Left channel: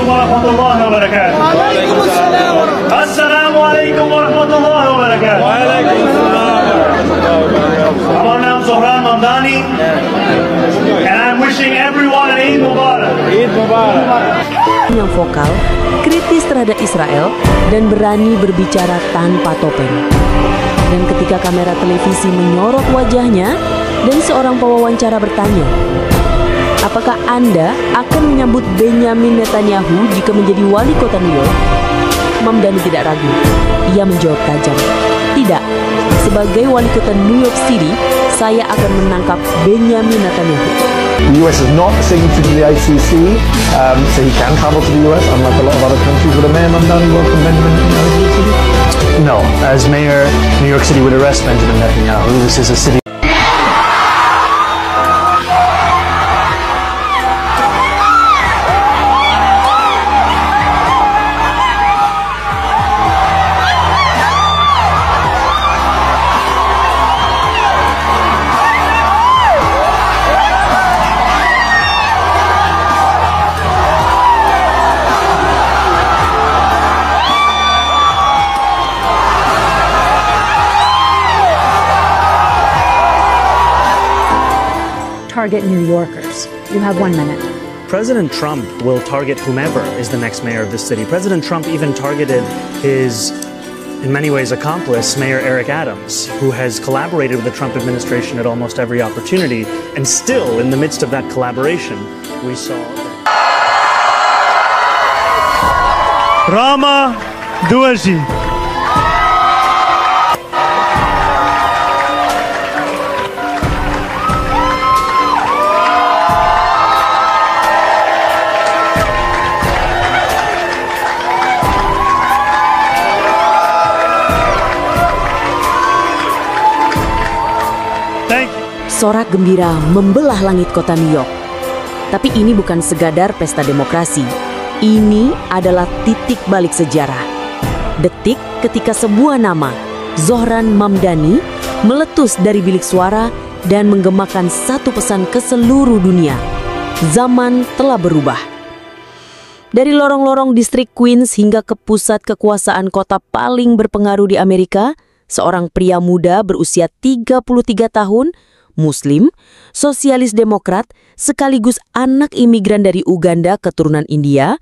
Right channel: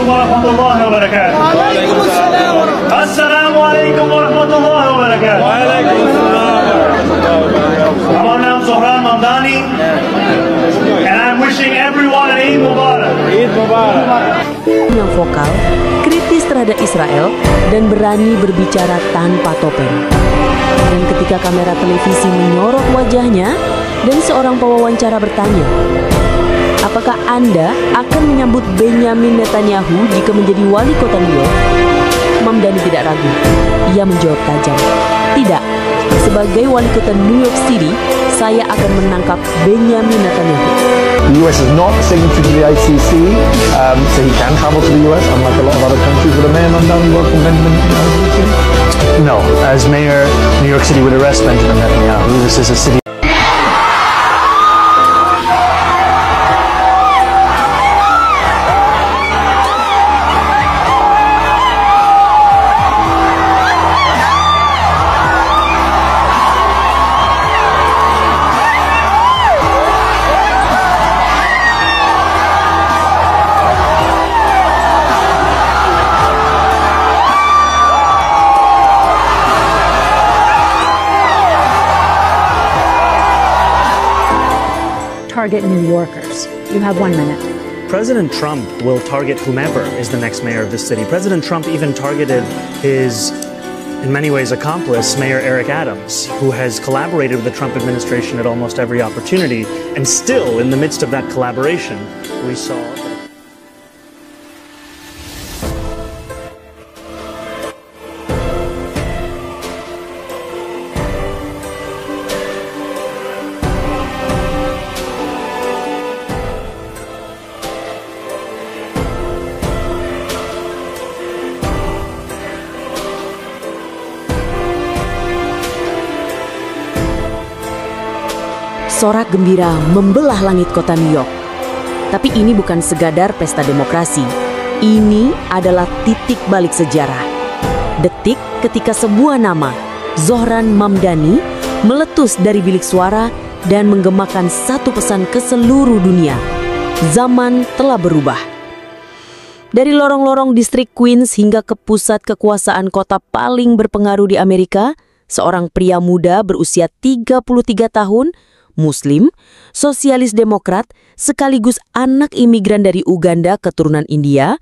عليكم ورحمة الله وبركاته. وعليكم السلام ورحمة الله. السلام عليكم ورحمة الله وبركاته. وعليكم السلام ورحمة الله وبركاته. Nama saya Mamdani, and I'm wishing everyone an Eid Mubarak. Eid Mubarak. Yang vokal, kritis terhadap Israel, dan berani berbicara tanpa topeng. Dan ketika kamera televisi menyorot wajahnya, dan seorang pewawancara bertanya, apakah Anda akan menyambut Benyamin Netanyahu jika menjadi wali kota New York? Mamdani tidak ragu. Ia menjawab tajam, tidak. Sebagai wali kota New York City, saya akan menangkap Benyamin Netanyahu. The US is not a signatory to the ICC, so he can travel to the US, unlike a lot of other countries. Would a Mayor Mamdani welcome Benjamin Netanyahu to the city? No, as Mayor, New York City would arrest Benjamin Netanyahu. This is a city. Target New Yorkers. You have 1 minute. President Trump will target whomever is the next mayor of this city. President Trump even targeted his, in many ways, accomplice, Mayor Eric Adams, who has collaborated with the Trump administration at almost every opportunity. And still, in the midst of that collaboration, we saw Rama Duaji. Sorak gembira membelah langit kota New York. Tapi ini bukan sekadar pesta demokrasi. Ini adalah titik balik sejarah. Detik ketika sebuah nama, Zohran Mamdani, meletus dari bilik suara dan menggemakan satu pesan ke seluruh dunia. Zaman telah berubah. Dari lorong-lorong distrik Queens hingga ke pusat kekuasaan kota paling berpengaruh di Amerika, seorang pria muda berusia 33 tahun, Muslim, sosialis demokrat, sekaligus anak imigran dari Uganda keturunan India,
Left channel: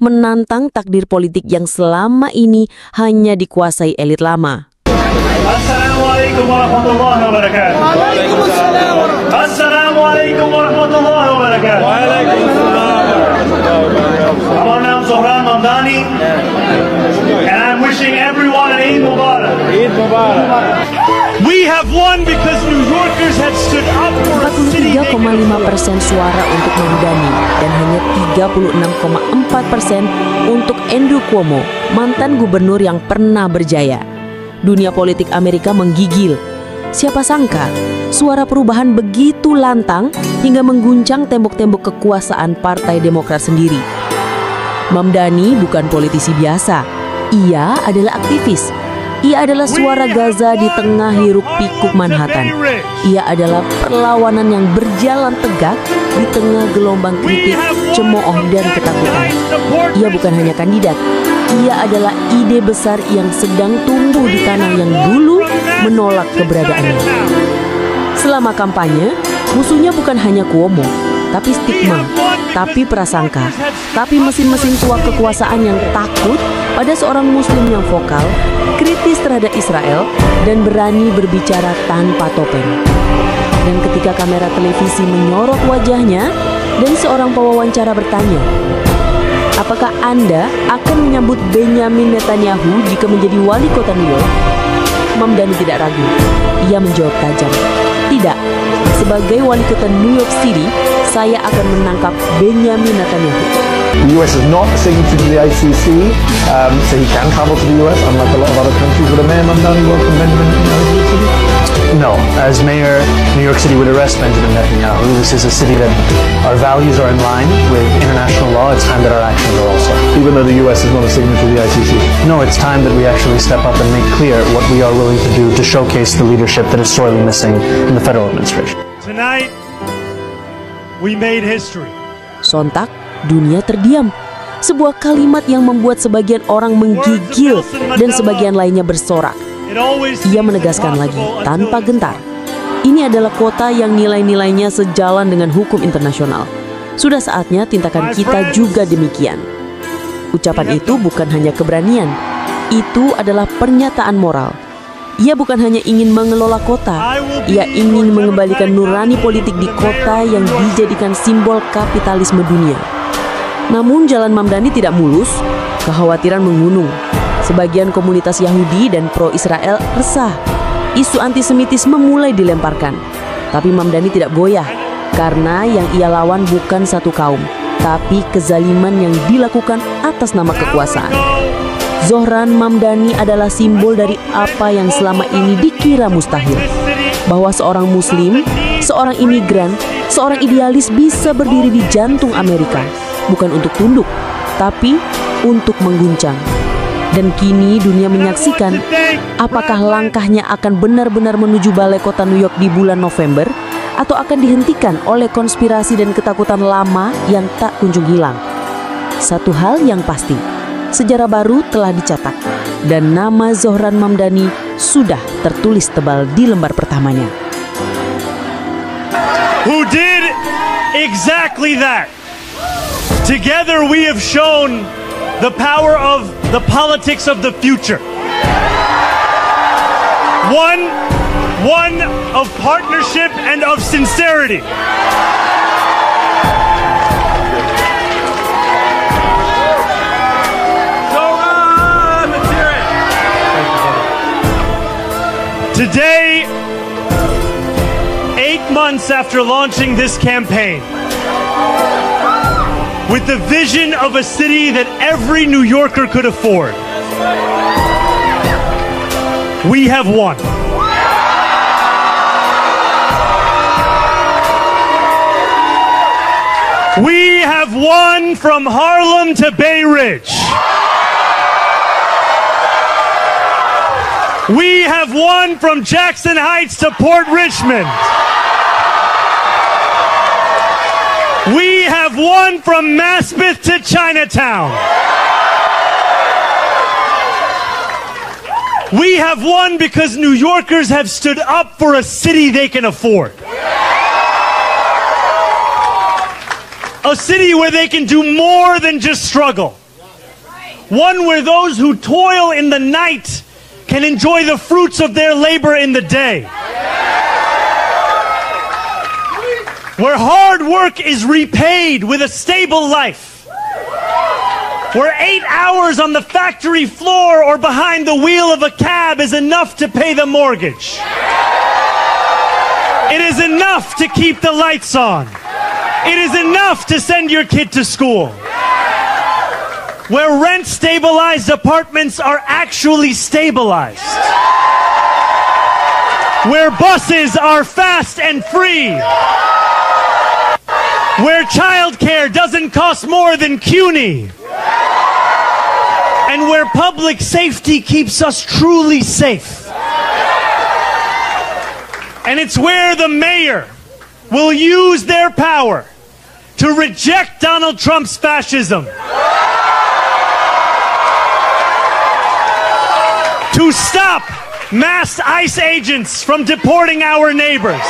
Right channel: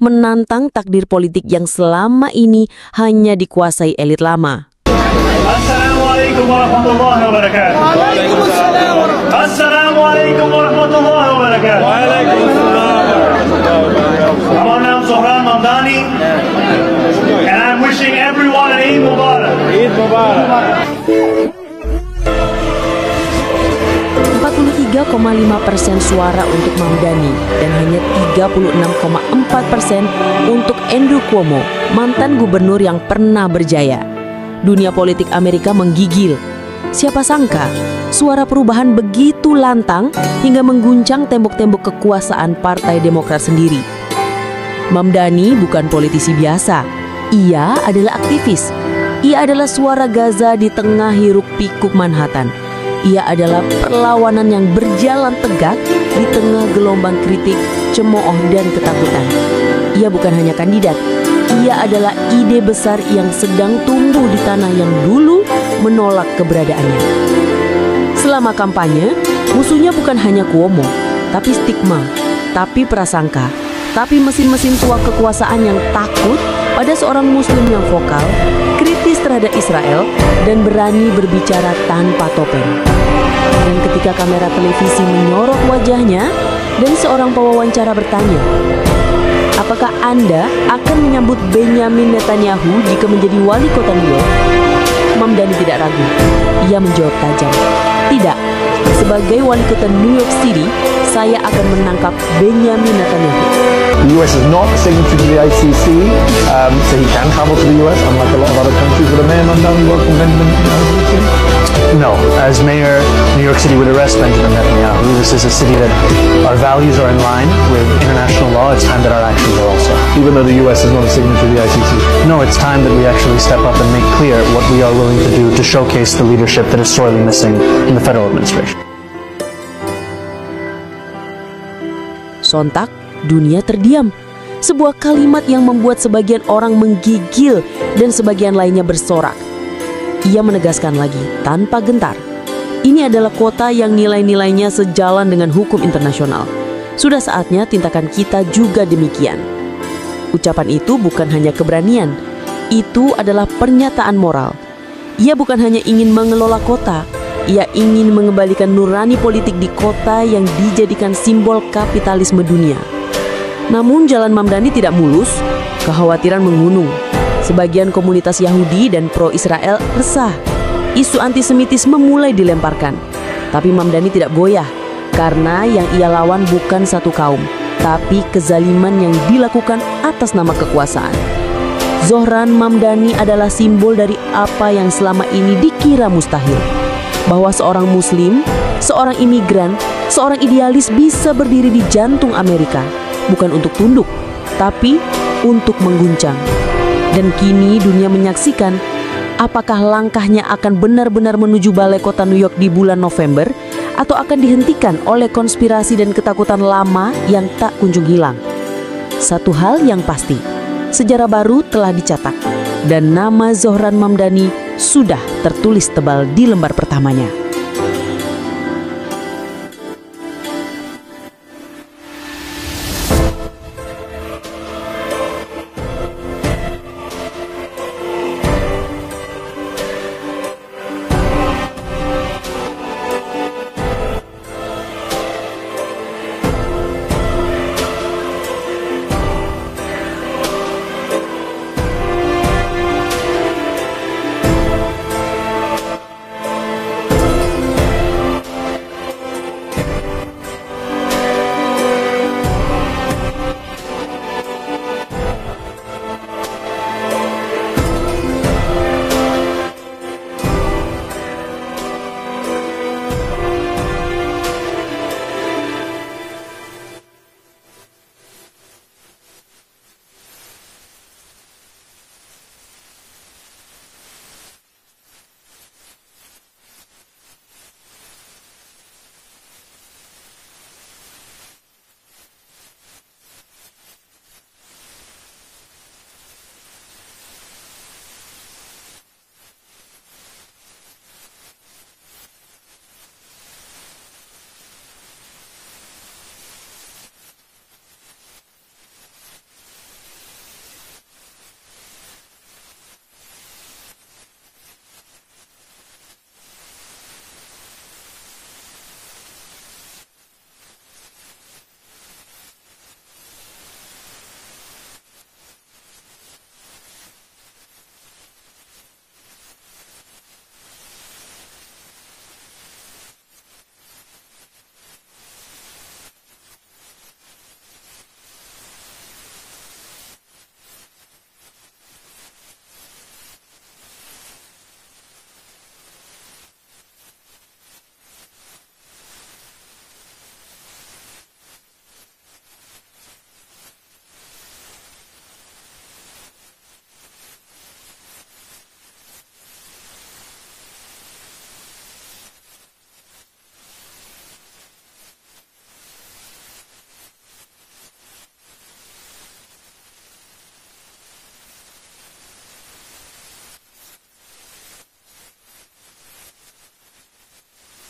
menantang takdir politik yang selama ini hanya dikuasai elit lama. Assalamualaikum warahmatullahi wabarakatuh. وعليكم السلام ورحمة الله. Assalamualaikum warahmatullahi wabarakatuh. وعليكم السلام ورحمة الله وبركاته. Nama saya Mamdani, and I'm wishing everyone an Eid Mubarak. Eid Mubarak. We have won because New Yorkers had stood up. 43,5% suara untuk Mamdani dan hanya 36,4% untuk Andrew Cuomo, mantan gubernur yang pernah berjaya. Dunia politik Amerika menggigil. Siapa sangka suara perubahan begitu lantang hingga mengguncang tembok-tembok kekuasaan Partai Demokrat sendiri. Mamdani bukan politisi biasa. Ia adalah aktivis. Ia adalah suara Gaza di tengah hiruk pikuk Manhattan. Ia adalah perlawanan yang berjalan tegak di tengah gelombang kritik, cemooh dan ketakutan. Ia bukan hanya kandidat. Ia adalah ide besar yang sedang tumbuh di tanah yang dulu menolak keberadaannya. Selama kampanye, musuhnya bukan hanya Cuomo, tapi stigma, tapi prasangka, tapi mesin-mesin tua kekuasaan yang takut pada seorang Muslim yang vokal, kritis terhadap Israel, dan berani berbicara tanpa topeng. Dan ketika kamera televisi menyorot wajahnya, dan seorang pewawancara bertanya, apakah Anda akan menyambut Benyamin Netanyahu jika menjadi wali kota New York? Mamdani tidak ragu. Ia menjawab tajam, tidak. Sebagai wali kota New York City, saya akan menangkap Benyamin Netanyahu. The US is not a signatory to the ICC, so he can travel to the US, unlike a lot of other countries. Would a Mayor Mamdani welcome Benjamin Netanyahu to the city? No, as Mayor, New York City would arrest Benjamin Netanyahu. This is a city that our values are in line with international law. It's time that our actions are also. Even though the US is not a signatory to the ICC? No, it's time that we actually step up and make clear what we are willing to do to showcase the leadership that is sorely missing in the federal administration. Tonight, we made history. Sontak, dunia terdiam. Sebuah kalimat yang membuat sebagian orang menggigil dan sebagian lainnya bersorak. Ia menegaskan lagi tanpa gentar, ini adalah kota yang nilai-nilainya sejalan dengan hukum internasional. Sudah saatnya tindakan kita juga demikian. Ucapan itu bukan hanya keberanian, itu adalah pernyataan moral. Ia bukan hanya ingin mengelola kota, ia ingin mengembalikan nurani politik di kota yang dijadikan simbol kapitalisme dunia. Namun jalan Mamdani tidak mulus, kekhawatiran mengunung. Sebagian komunitas Yahudi dan pro-Israel resah. Isu antisemitisme mulai dilemparkan. Tapi Mamdani tidak goyah, karena yang ia lawan bukan satu kaum, tapi kezaliman yang dilakukan atas nama kekuasaan. Zohran Mamdani adalah simbol dari apa yang selama ini dikira mustahil. Bahwa seorang muslim, seorang imigran, seorang idealis bisa berdiri di jantung Amerika. Bukan untuk tunduk, tapi untuk mengguncang. Dan kini dunia menyaksikan apakah langkahnya akan benar-benar menuju Balai Kota New York di bulan November atau akan dihentikan oleh konspirasi dan ketakutan lama yang tak kunjung hilang. Satu hal yang pasti, sejarah baru telah dicetak dan nama Zohran Mamdani sudah tertulis tebal di lembar pertamanya. Who did exactly that? Together we have shown the power of the politics of the future. One of partnership and of sincerity. Today, 8 months after launching this campaign, with the vision of a city that every New Yorker could afford, we have won. We have won from Harlem to Bay Ridge. We have won from Jackson Heights to Port Richmond. We have won from Maspeth to Chinatown. We have won because New Yorkers have stood up for a city they can afford. A city where they can do more than just struggle. One where those who toil in the night can enjoy the fruits of their labor in the day. Where hard work is repaid with a stable life. Where 8 hours on the factory floor or behind the wheel of a cab is enough to pay the mortgage. It is enough to keep the lights on. It is enough to send your kid to school. Where rent-stabilized apartments are actually stabilized. Where buses are fast and free. Where childcare doesn't cost more than CUNY. And where public safety keeps us truly safe. And it's where the mayor will use their power to reject Donald Trump's fascism. To stop masked ICE agents from deporting our neighbors.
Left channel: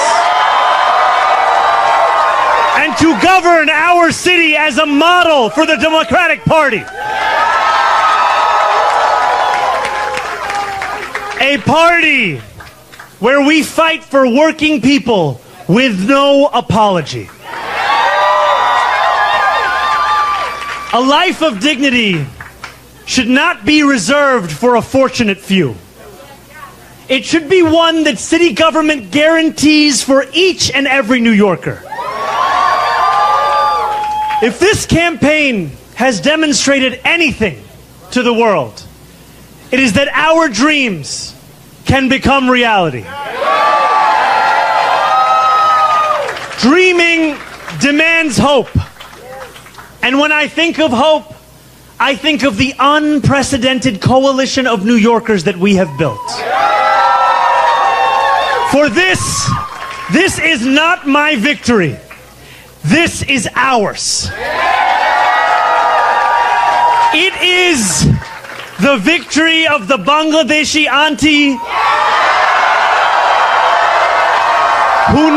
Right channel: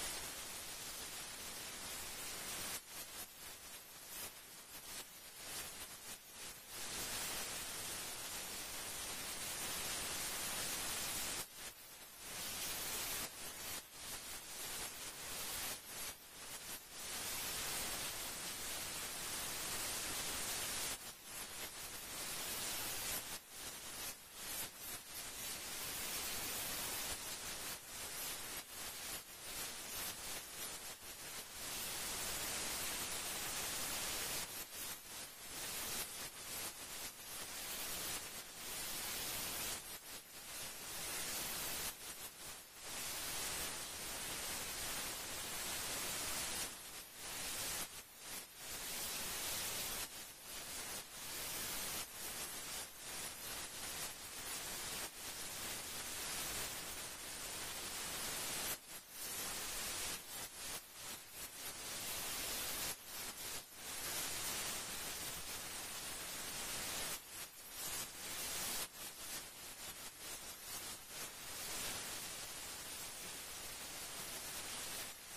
And to govern our city as a model for the Democratic Party. A party where we fight for working people with no apology. A life of dignity should not be reserved for a fortunate few. It should be one that city government guarantees for each and every New Yorker. If this campaign has demonstrated anything to the world, it is that our dreams can become reality. Dreaming demands hope. And when I think of hope, I think of the unprecedented coalition of New Yorkers that we have built. For this is not my victory. This is ours. It is the victory of the Bangladeshi auntie who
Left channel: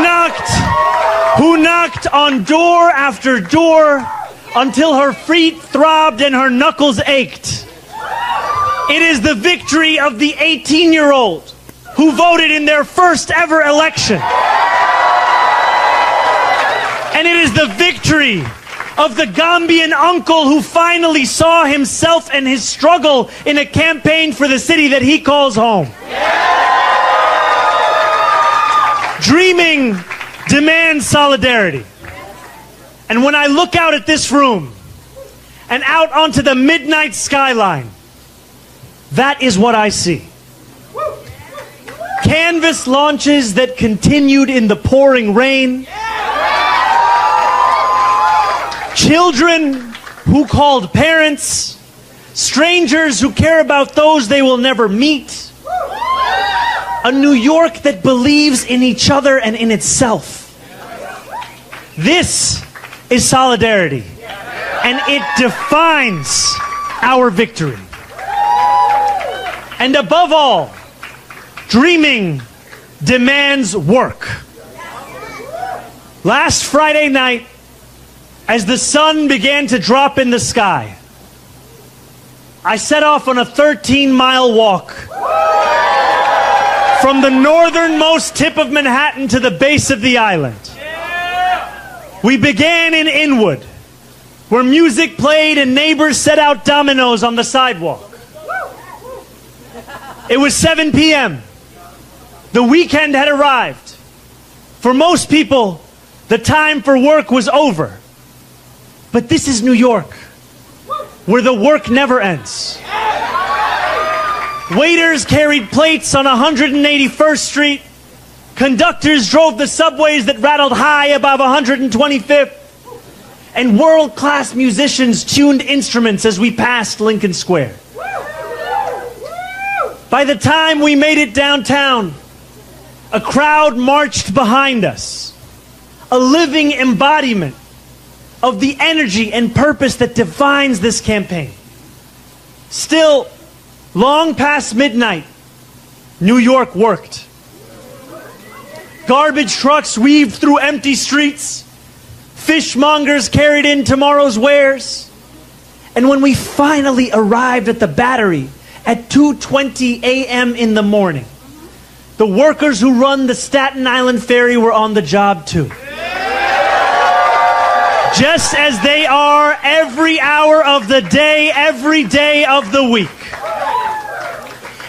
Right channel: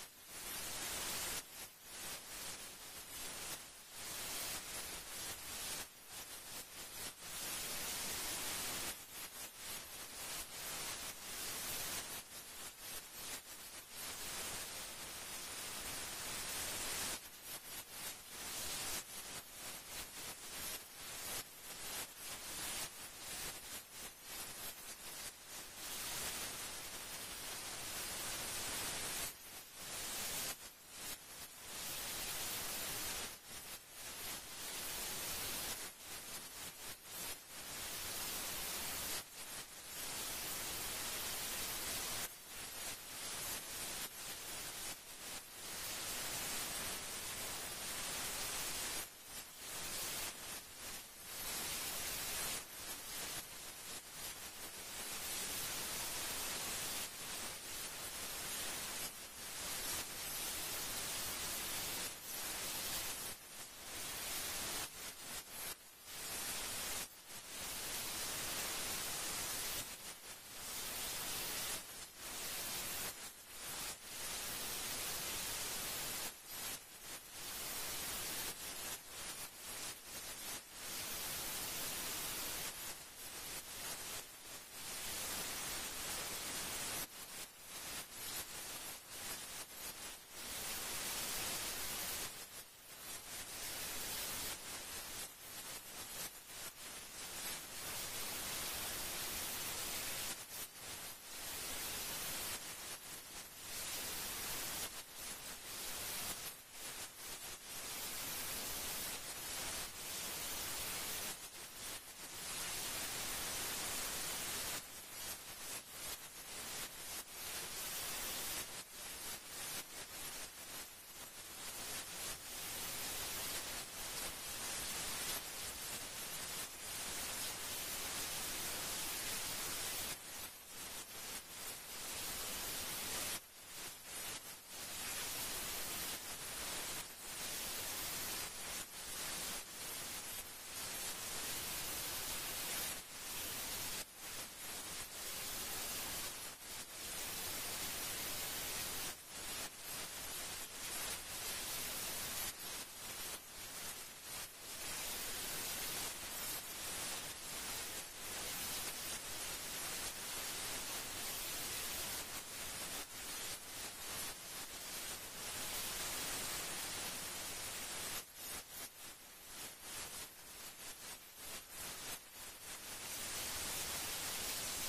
knocked on door after door until her feet throbbed and her knuckles ached. It is the victory of the 18-year-old who voted in their first ever election. And it is the victory of the Gambian uncle who finally saw himself and his struggle in a campaign for the city that he calls home. Dreaming demands solidarity. And when I look out at this room and out onto the midnight skyline, that is what I see. Canvas launches that continued in the pouring rain. Children who called parents. Strangers who care about those they will never meet. A New York that believes in each other and in itself. This is solidarity, and it defines our victory. And above all, dreaming demands work. Last Friday night, as the sun began to drop in the sky, I set off on a 13-mile walk from the northernmost tip of Manhattan to the base of the island. We began in Inwood, where music played and neighbors set out dominoes on the sidewalk. It was 7 p.m. The weekend had arrived. For most people, the time for work was over. But this is New York, where the work never ends. Waiters carried plates on 181st Street. Conductors drove the subways that rattled high above 125th. And world-class musicians tuned instruments as we passed Lincoln Square. By the time we made it downtown, a crowd marched behind us, a living embodiment of the energy and purpose that defines this campaign. Still, long past midnight, New York worked. Garbage trucks weaved through empty streets. Fishmongers carried in tomorrow's wares. And when we finally arrived at the Battery at 2:20 a.m. in the morning, the workers who run the Staten Island Ferry were on the job too. Just as they are every hour of the day, every day of the week.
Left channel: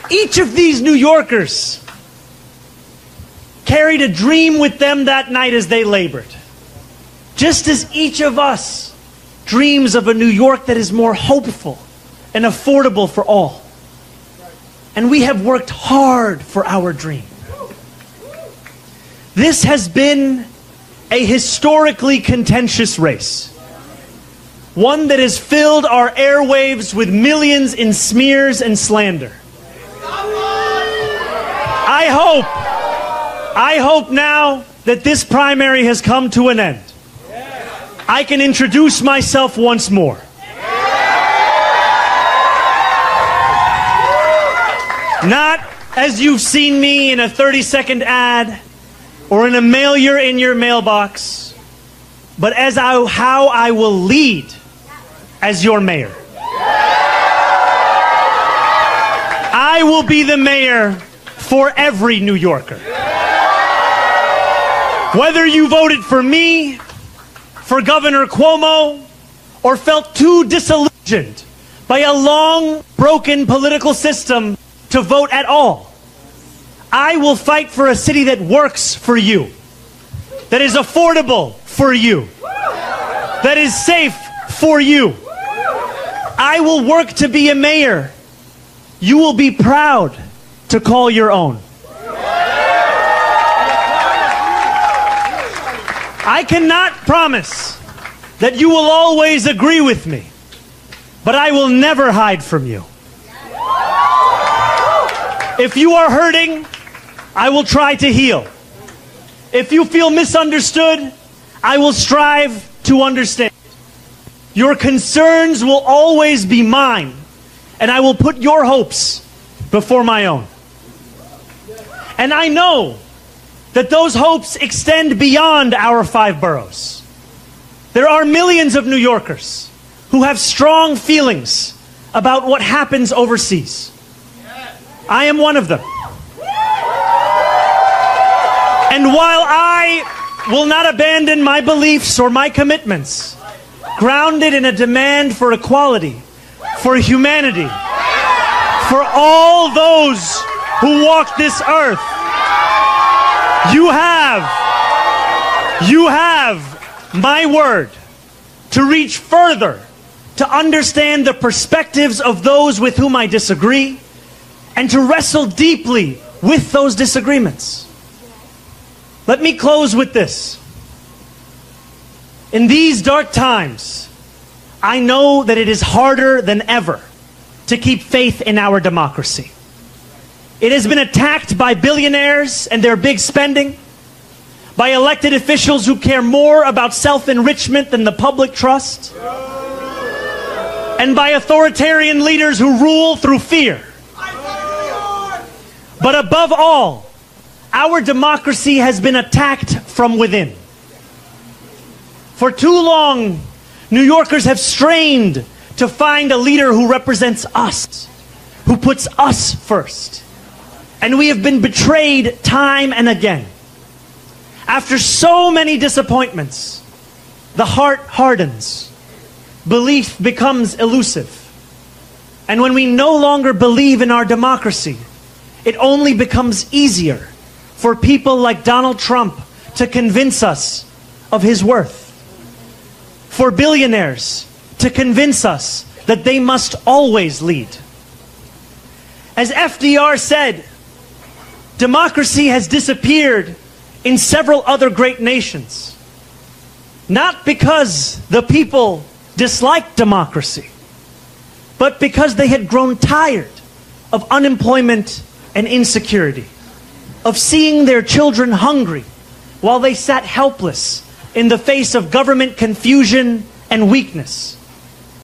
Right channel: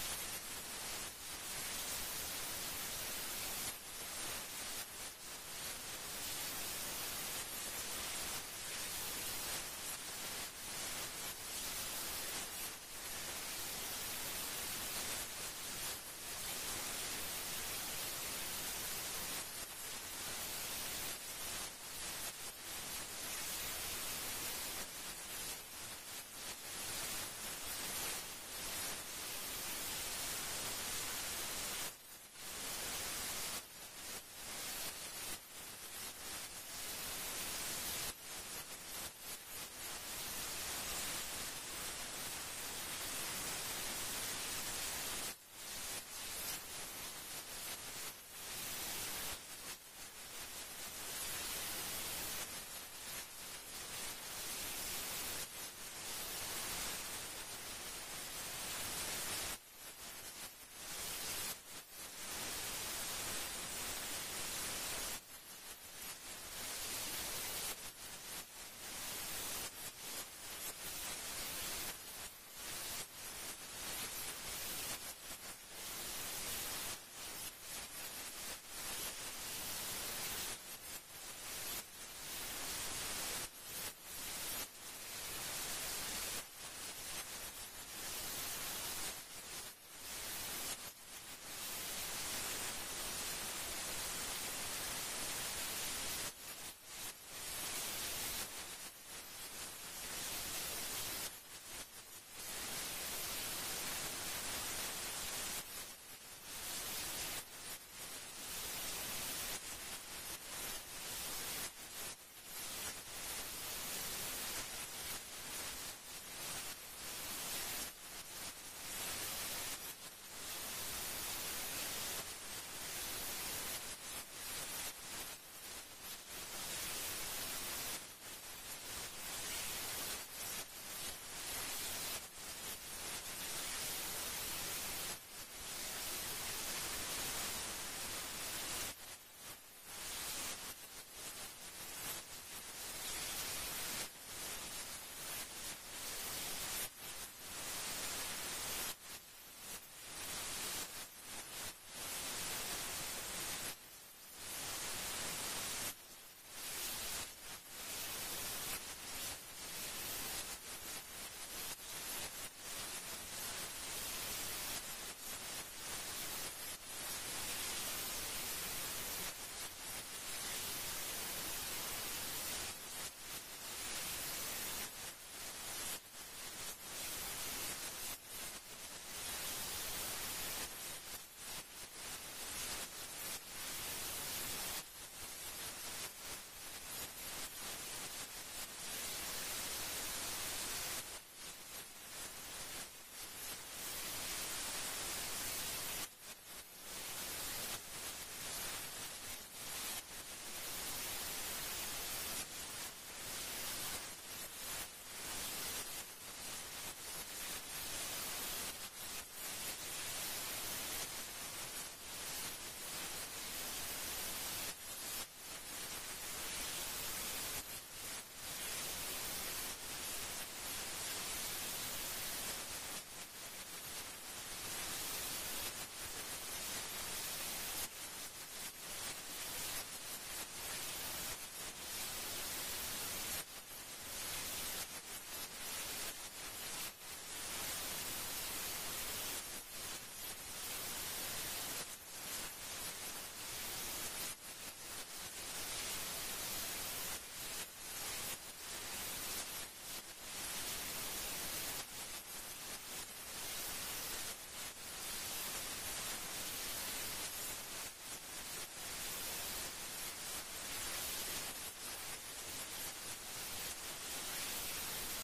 Each of these New Yorkers carried a dream with them that night as they labored. Just as each of us dreams of a New York that is more hopeful and affordable for all. And we have worked hard for our dream. This has been a historically contentious race. One that has filled our airwaves with millions in smears and slander. I hope now that this primary has come to an end, I can introduce myself once more. Not as you've seen me in a 30-second ad or in a mailer in your mailbox, but as how I will lead as your mayor. I will be the mayor for every New Yorker. Whether you voted for me, for Governor Cuomo, or felt too disillusioned by a long, broken political system to vote at all, I will fight for a city that works for you, that is affordable for you, that is safe for you. I will work to be a mayor you will be proud to call your own. I cannot promise that you will always agree with me, but I will never hide from you. If you are hurting, I will try to heal. If you feel misunderstood, I will strive to understand. Your concerns will always be mine, and I will put your hopes before my own. And I know that those hopes extend beyond our 5 boroughs. There are millions of New Yorkers who have strong feelings about what happens overseas. I am one of them. And while I will not abandon my beliefs or my commitments, grounded in a demand for equality, for humanity, for all those who walk this earth, you have my word to reach further, to understand the perspectives of those with whom I disagree, and to wrestle deeply with those disagreements. Let me close with this. In these dark times, I know that it is harder than ever to keep faith in our democracy. It has been attacked by billionaires and their big spending, by elected officials who care more about self-enrichment than the public trust, and by authoritarian leaders who rule through fear. But above all, our democracy has been attacked from within. For too long, New Yorkers have strained to find a leader who represents us, who puts us first. And we have been betrayed time and again. After so many disappointments, the heart hardens, belief becomes elusive. And when we no longer believe in our democracy, it only becomes easier for people like Donald Trump to convince us of his worth. For billionaires to convince us that they must always lead. As FDR said, democracy has disappeared in several other great nations, not because the people disliked democracy, but because they had grown tired of unemployment and insecurity, of seeing their children hungry while they sat helpless in the face of government confusion and weakness.